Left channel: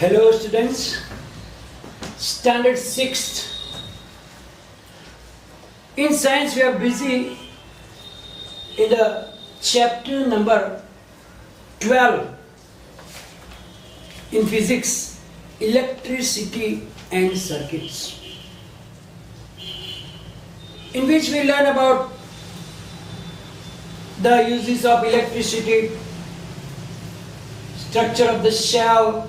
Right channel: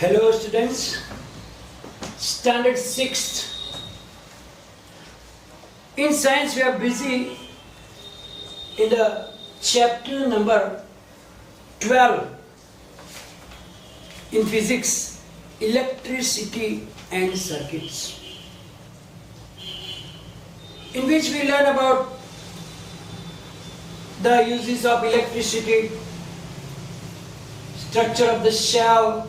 Hello students, standard 6th. In science we are busy in the chapter number 12. In physics, electricity and circuits, in which we learn about the uses of electricity, structure of the cell,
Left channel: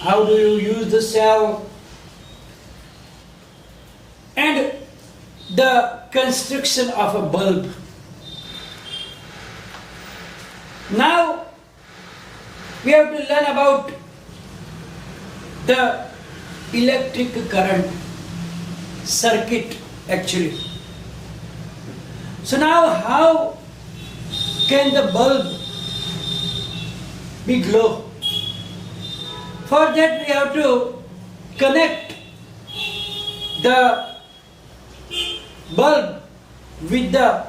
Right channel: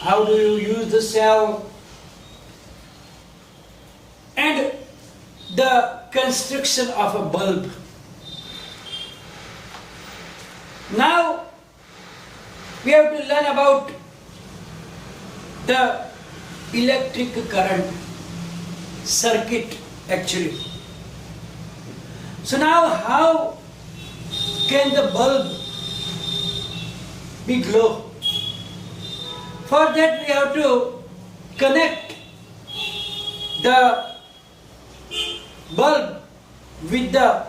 how do you use the cell, and the construction of a bulb. Now we have to learn about the electric current circuit actually. So now how can the bulb be glow? For that we have to connect the bulb with the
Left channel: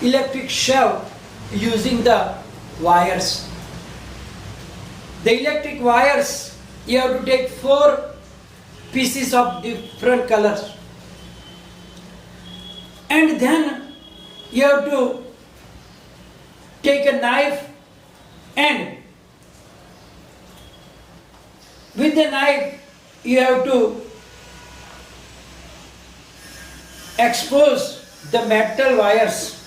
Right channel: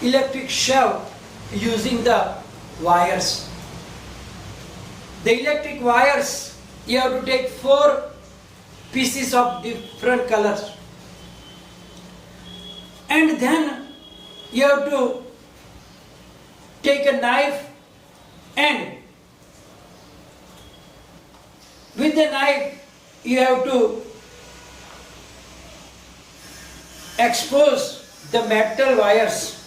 electric cell using the wires. The electric wires, you have to take 4 pieces of different colors, and then you have to take a knife, and with the knife you have to expose the metal wires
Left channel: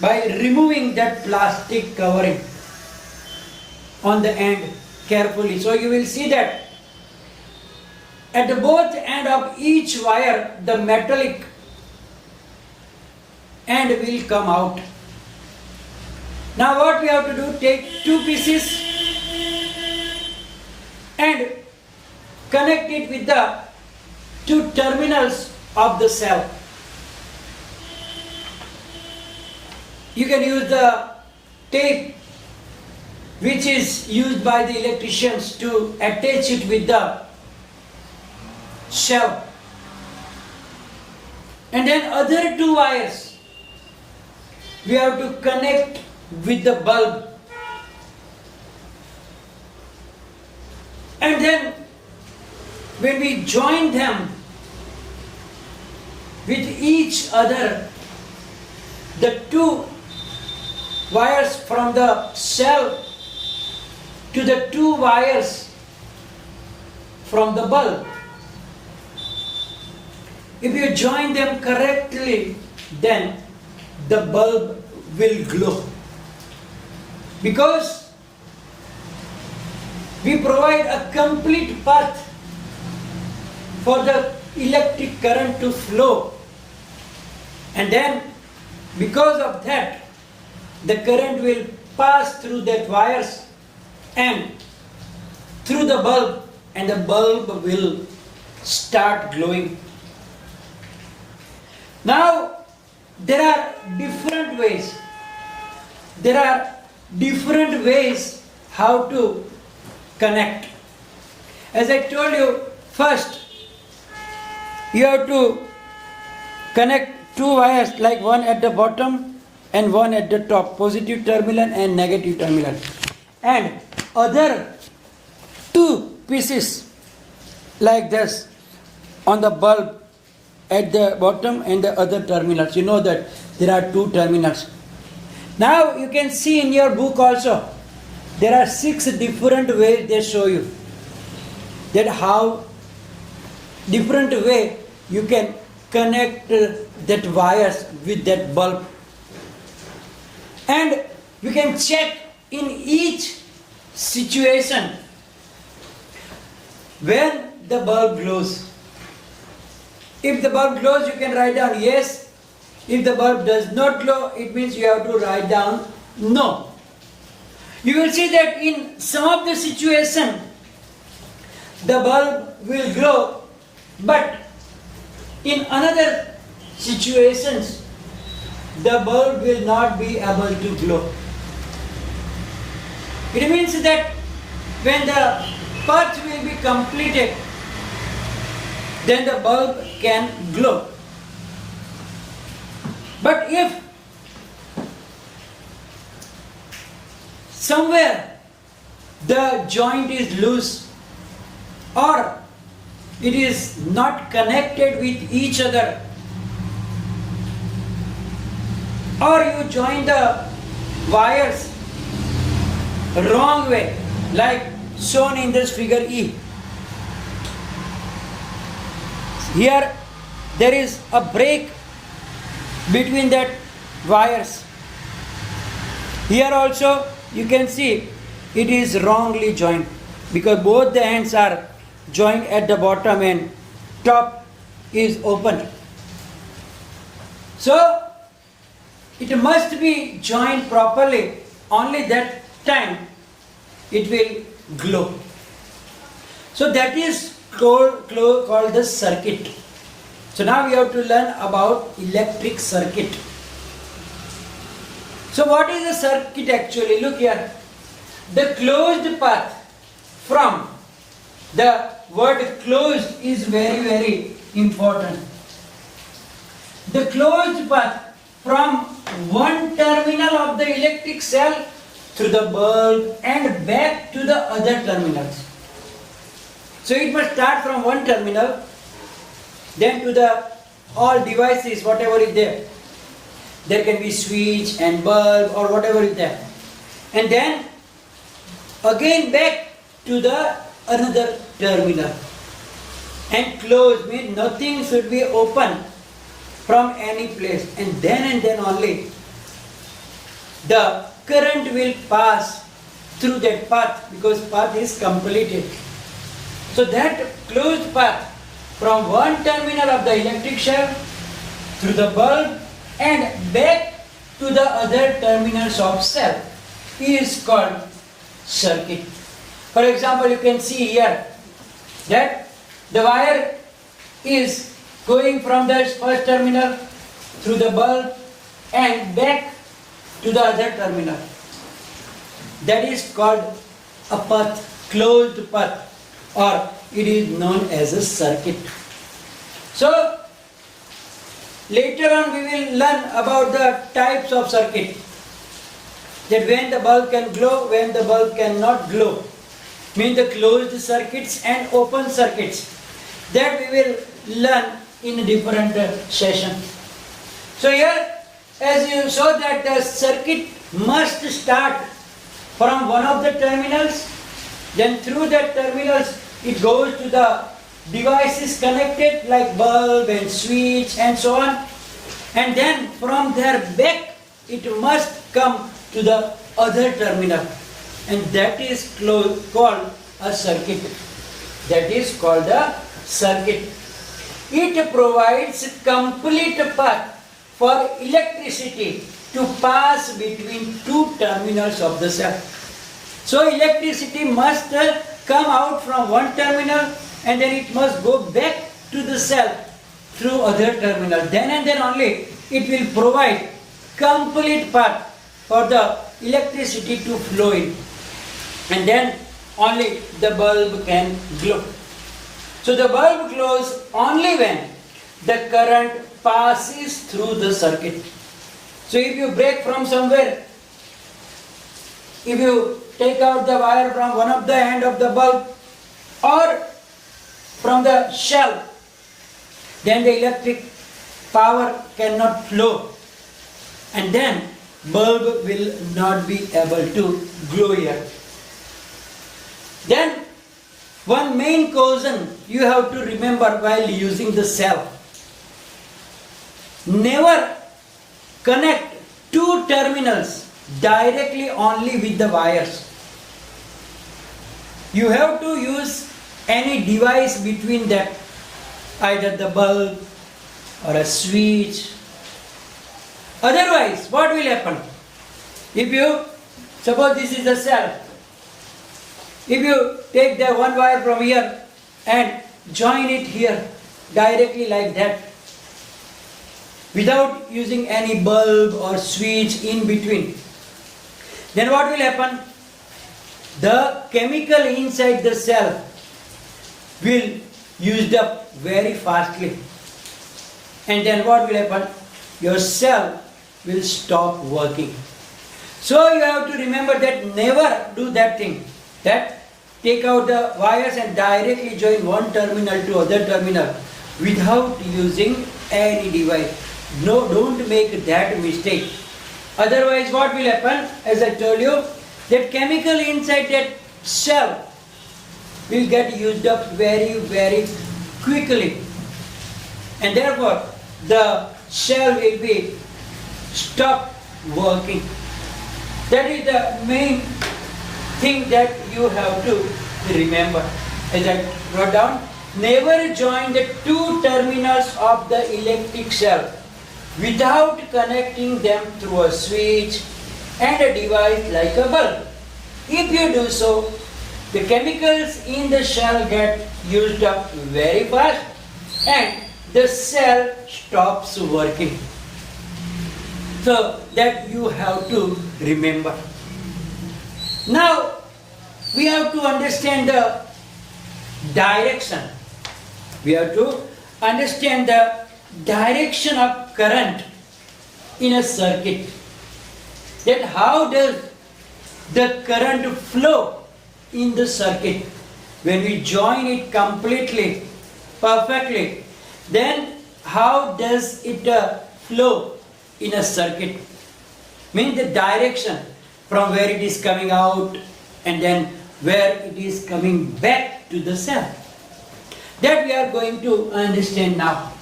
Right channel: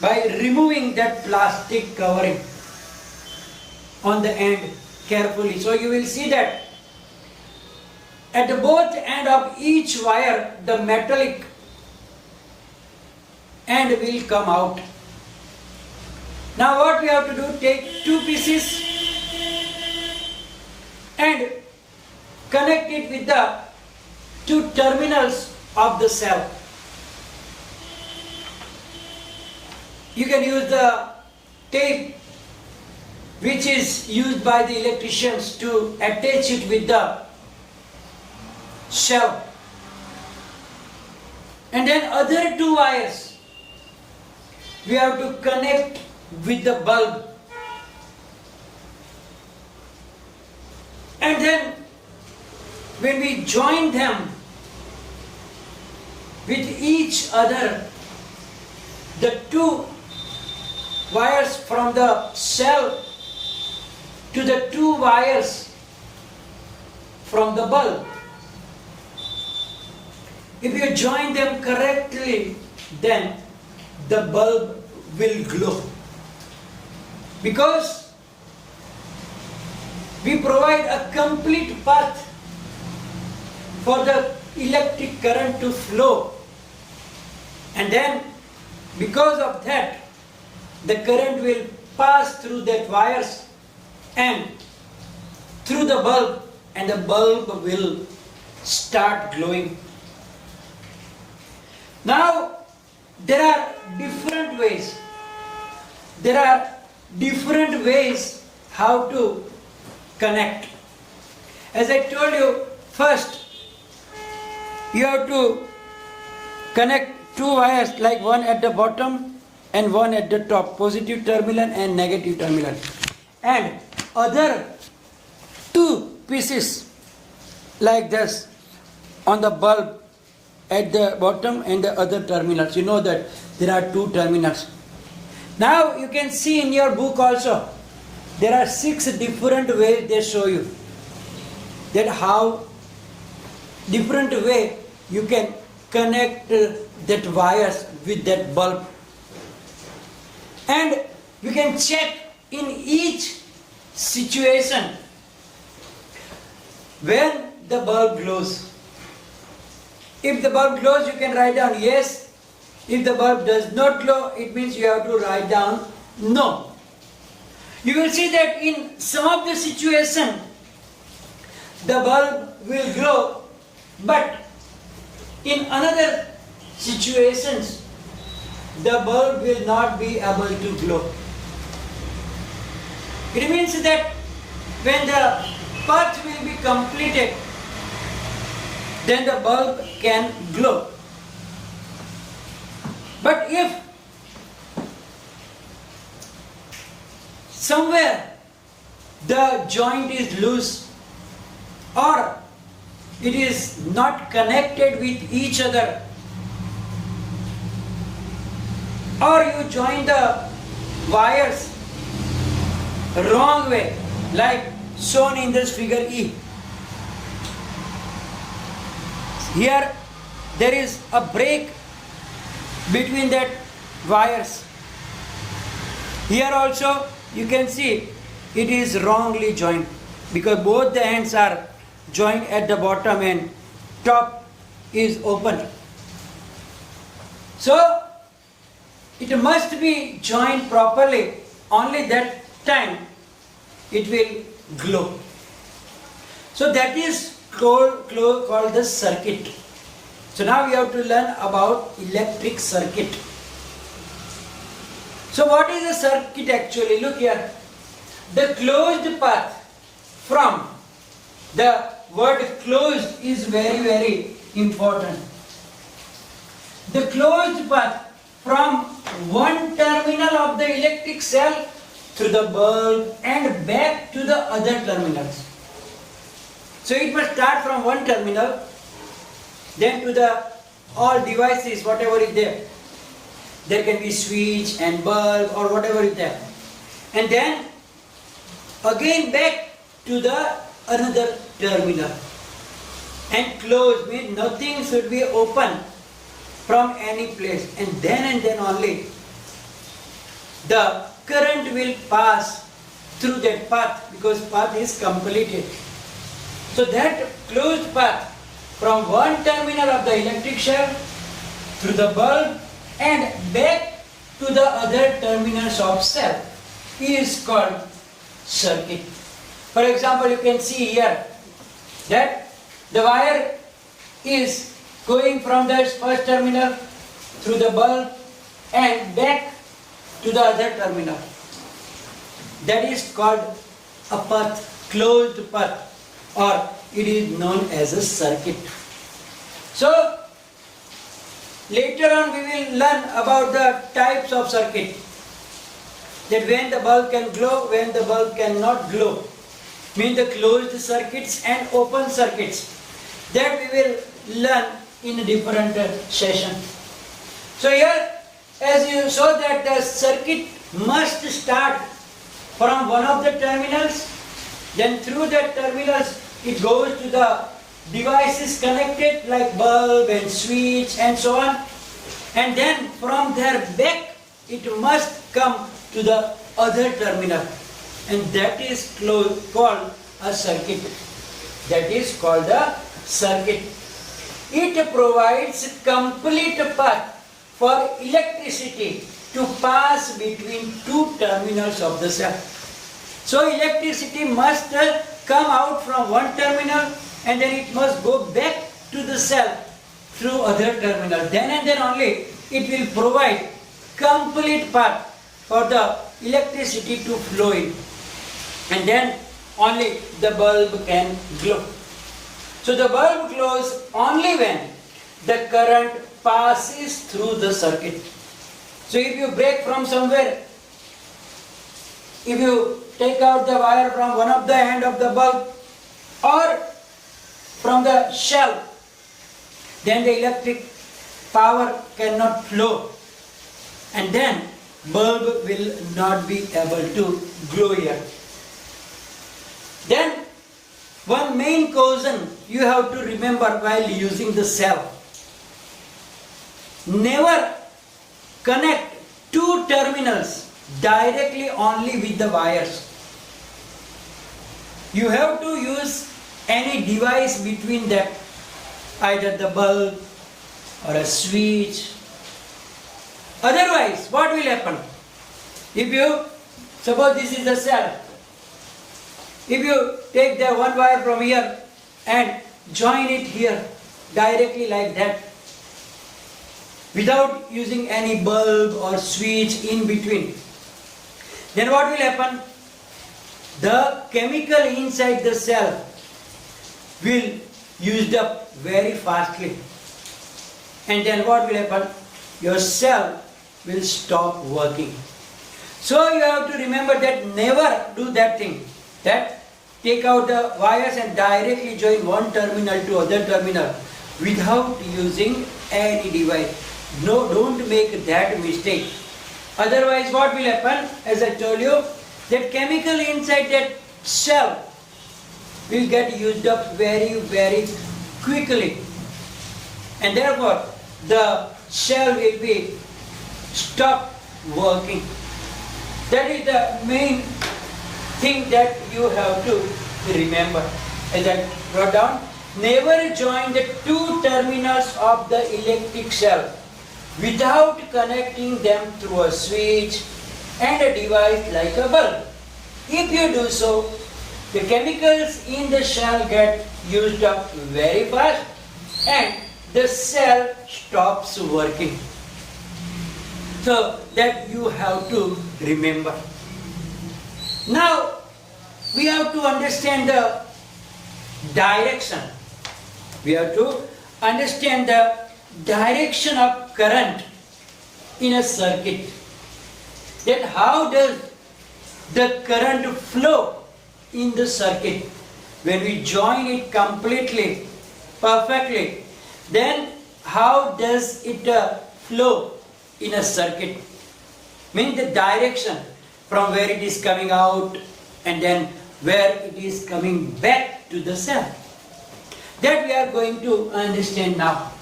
by removing that plastic covering on the end carefully. So you will see that at both end of each wire the metallic end will come out. Now what we have to do, take 2 pieces and connect it with the 2 terminals of the cell. You can use the tape which is used by the electricians to attach it with the cell. And then other 2 wires we have to connect with the bulb. And then when we join them with each other, the 2 wires from the cell to the 2 wires from the bulb, if you join them correctly, then the bulb will glow. Because we provide a complete path for the electric current to flow, and then because of that the current will pass through that wires and through the bulb, and the bulb will start glowing. Now there are different ways. There are different ways how to connect. As I told you, first you have to connect 2 wires, like one at the bottom and one at the top, positive terminal and negative terminal, and other 2 pieces like this on the bulb at the bottom and the other terminals. You know that there are 2 terminals. Now you can see in your book also there are 6 different ways they show you that how different way you can connect that wires with that bulb. And we can check in each situation when the bulb glows. If the bulb glows, you can write down yes. If the bulb does not glow, it means you have to write down no. You will see that in some of the situation the bulb will glow, but in another situations the bulb will not be able to glow. It means that when the path will be completed, then the bulb can glow. But if somewhere the joint is loose or it is not connected with each other, or you join the wires wrong way like shown in this figure E. Here there is a break between that wires. Here also you can see it is wrongly joined because both the ends are joined at the bottom and top is open. So it must be joined properly, only that time it will glow. So that is called the circuit. So now we have to learn about electric circuit. So what is a circuit actually? Look here. The closed path from the word closed is very, very important. The closed path from one terminal of the electric cell through the bulb and back to the other terminals. So it must start from one terminal, then to the all devices, whatever is there. There can be switch and bulb or whatever is there. And then again back to the another terminal. And close means nothing should be open from any place. And then only the current will pass through that path because path is completed. So that closed path from one terminal of the electric cell through the bulb and back to the other terminals of cell is called circuit. For example, you can see here that the wire is going from the first terminal through the bulb and back to the other terminal. That is called a path, closed path, or it is known as a circuit. So later on we will learn about the types of circuit. That when the bulb can glow, when the bulb cannot glow. Mean the closed circuits and open circuits. That we will learn in a different session. So here, as you saw that the circuit must start from one of the terminals, then through that terminals it goes to the devices connected like bulb and switch and so on, and then from there back it must come to the other terminal, and that is called a circuit. That is called a circuit. It provides complete path for electricity to pass between two terminals of the cell. So electricity must come out from one terminal and then it must go back to the cell through other terminal. Then and then only it will provide complete path for the electricity to flow in. And then only the bulb can glow. So the bulb glows only when the current passes through the circuit. So if you break from somewhere, if you take out the wire from one of the end of the bulb or from the shell, then the electric power cannot flow, and then bulb will not be able to glow here. Then one main caution you have to remember while using the cell: never connect two terminals directly only with the wires. You have to use any device between them, either the bulb or a switch. Otherwise, what will happen? If you, suppose this is a cell, if you take the one wire from here and join it here directly like that, without using any bulb or switch in between, then what will happen? The chemical inside the cell will used up very fastly, and then what will happen? Your cell will stop working. So you have to remember that never do that thing. That take out the wires and directly join one terminal to other terminal without using any device. No, don't make that mistake. Otherwise what will happen, as I told you, that chemical inside that cell will get used up very, very quickly. And therefore the cell will be stopped working. That is the main thing that you have to remember. As I wrote down, never join the two terminals of the electric cell without connecting them through a switch and a device like a bulb. If you do so, the chemicals in the cell get used up very fast and the cell stops working. So that you have to remember. Now we have to understand the direction. We have to understand the direction of current in a circuit. Then how does the current flow in the circuit? When we join it completely, perfectly, then how does it flow in a circuit? Means the direction from where it is coming out and then where it is coming back to the cell. That we are going to understand now.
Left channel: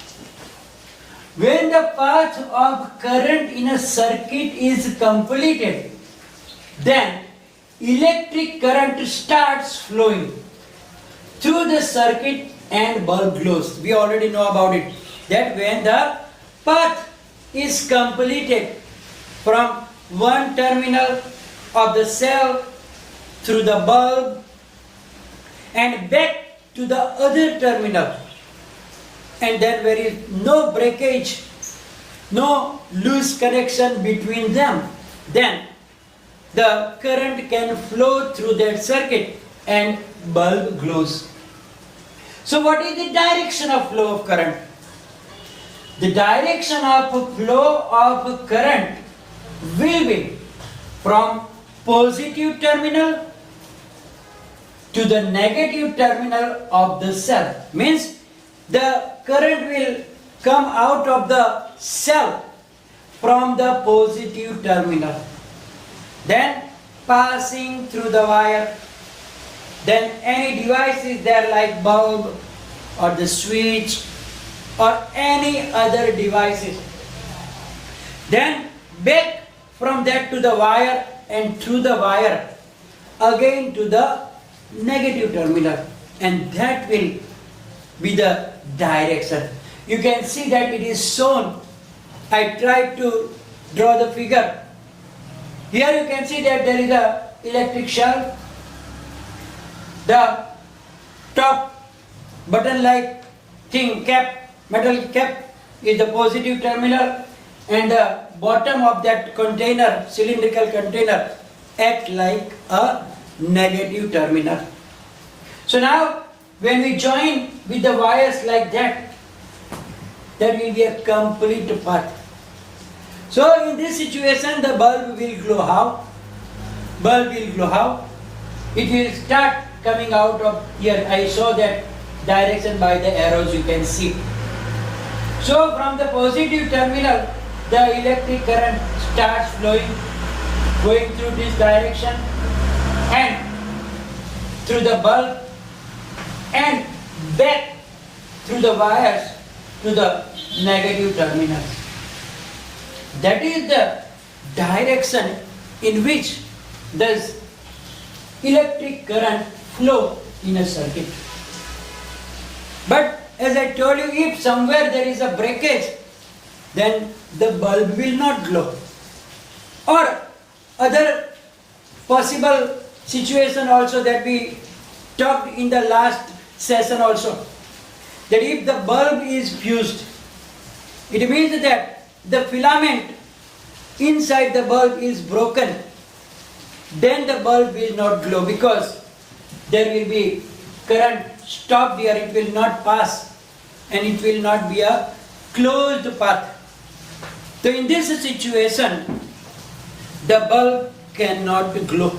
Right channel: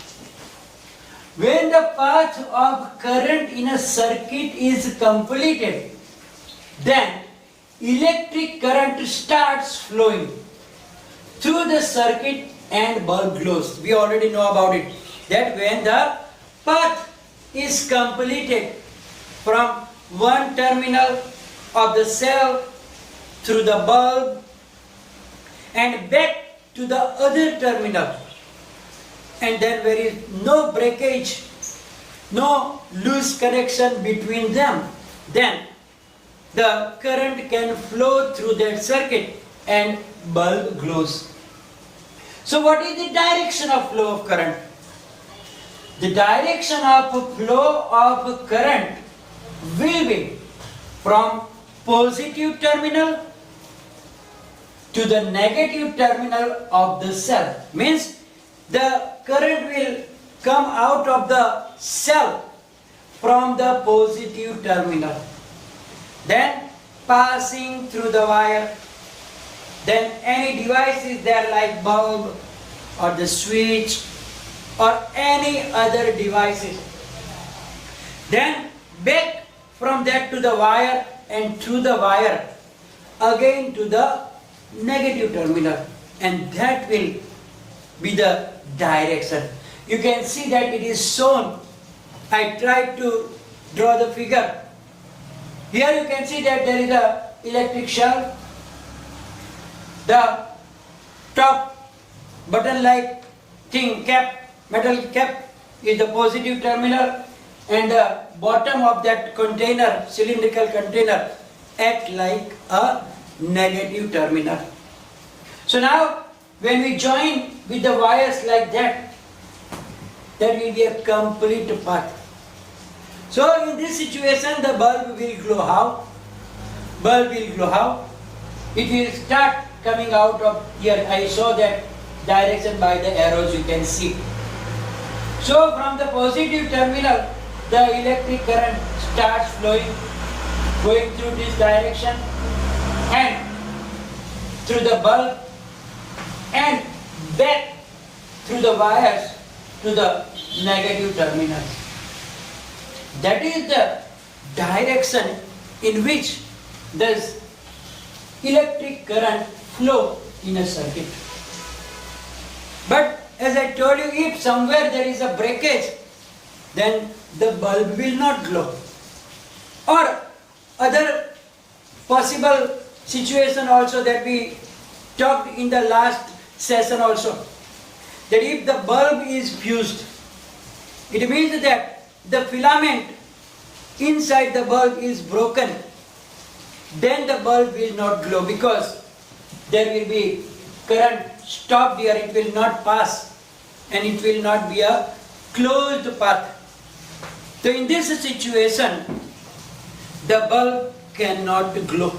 When the path of current in a circuit is completed, then electric current starts flowing through the circuit and bulb glows. We already know about it. That when the path is completed from one terminal of the cell through the bulb and back to the other terminal, and then there is no breakage, no loose connection between them, then the current can flow through that circuit and bulb glows. So what is the direction of flow of current? The direction of flow of current will be from positive terminal to the negative terminal of the cell. Means the current will come out of the cell from the positive terminal, then passing through the wire, then any device is there like bulb or the switch or any other devices, then back from that to the wire and through the wire again to the negative terminal, and that will be the direction. You can see that it is shown. I tried to draw the figure. Here you can see that there is a electric shelf. The top button like thing cap, metal cap is the positive terminal, and the bottom of that container, cylindrical container, act like a negative terminal. So now when we join with the wires like that, there will be a complete path. So in this situation the bulb will glow how? Bulb will glow how? It will start coming out of here. I saw that direction by the arrows, you can see. So from the positive terminal the electric current starts flowing, going through this direction and through the bulb and back through the wires to the negative terminal. That is the direction in which does electric current flow in a circuit. But as I told you, if somewhere there is a breakage, then the bulb will not glow. Or other possible situation also that we talked in the last session also, that if the bulb is fused, it means that the filament inside the bulb is broken, then the bulb will not glow because there will be current stopped here, it will not pass and it will not be a closed path. So in this situation, the bulb cannot glow.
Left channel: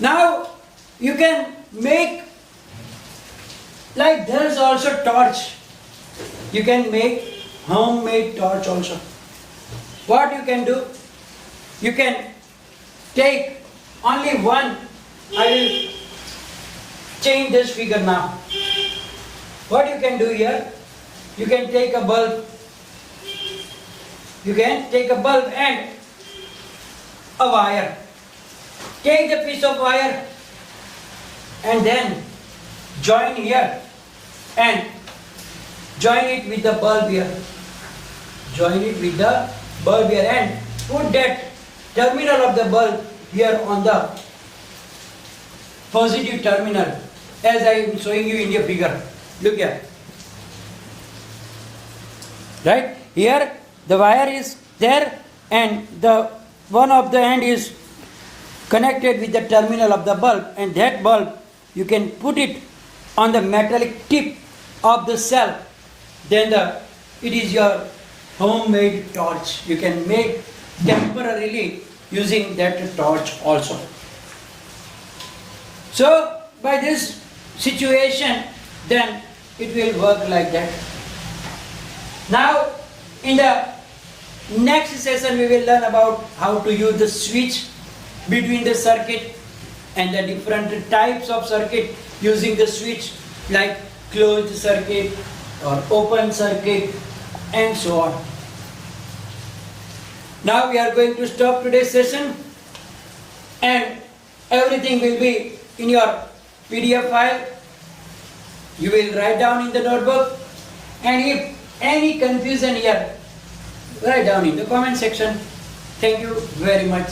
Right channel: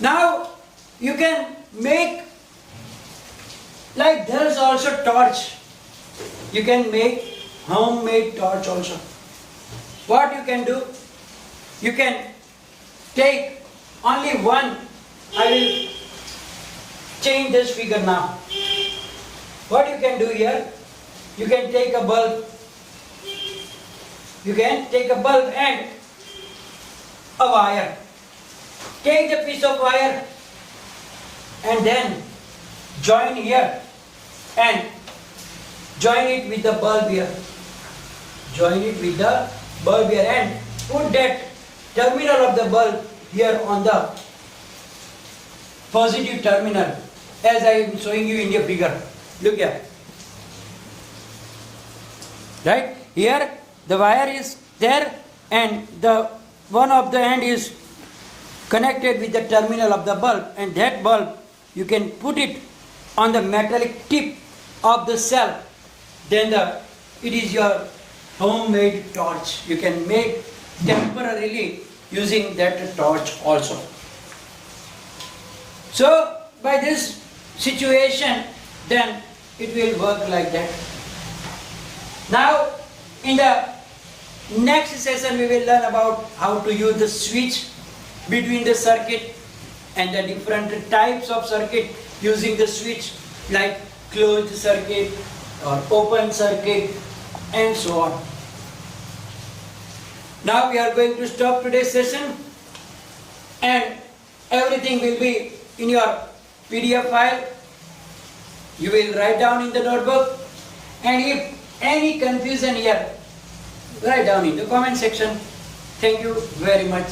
Now you can make, like there is also torch. You can make homemade torch also. What you can do? You can take only one. I will change this figure now. What you can do here? You can take a bulb. You can take a bulb and a wire. Take the piece of wire and then join here and join it with the bulb here. Join it with the bulb here and put that terminal of the bulb here on the positive terminal as I am showing you in the figure. Look here. Right? Here the wire is there and the one of the end is connected with the terminal of the bulb, and that bulb you can put it on the metallic tip of the cell. Then it is your homemade torch. You can make temporarily using that torch also. So by this situation, then it will work like that. Now in the next session we will learn about how to use the switch between the circuit and the different types of circuit using the switch, like closed circuit or open circuit and so on. Now we are going to stop today's session and everything will be in your PDF file. You will write down in the notebook, and if any confusion here, write down in the comment section. Thank you very much.